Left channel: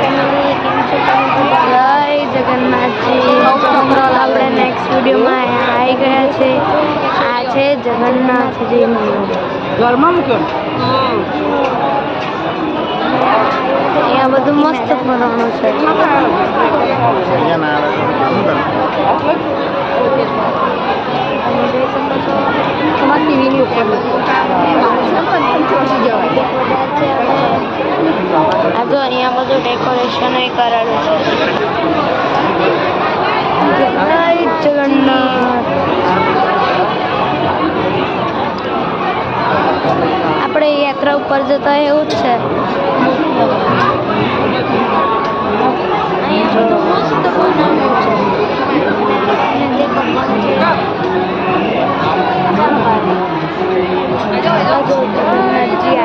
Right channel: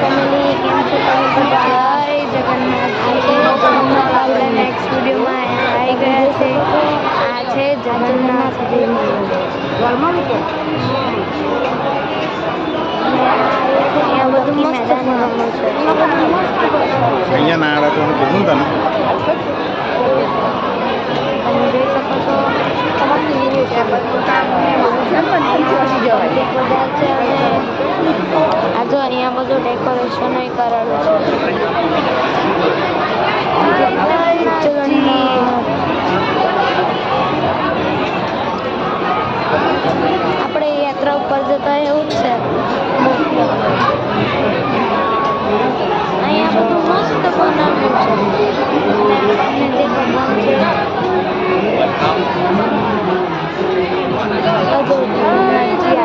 Family કેમ છો તમે બધા? જય જગન્નાથજી. જગન્નાથ આપણે નેક્સ્ટ વિડીયોમાં આવી ગયા છે. આ છે જગન્નાથજી અહીંયા બધું મસ્ત ફરવાનું છે. તમે જોઈ શકો છો બધા છે અને આ જો અહીંયા બધું ડેકોરેશન કરેલું છે. જગન્નાથ આપણે યાત્રા ઉપર જતા એવું જ છે. અહીંયા બધું મસ્ત બનાવ્યું છે અને આપણને જે ભગવાન છે જગન્નાથજી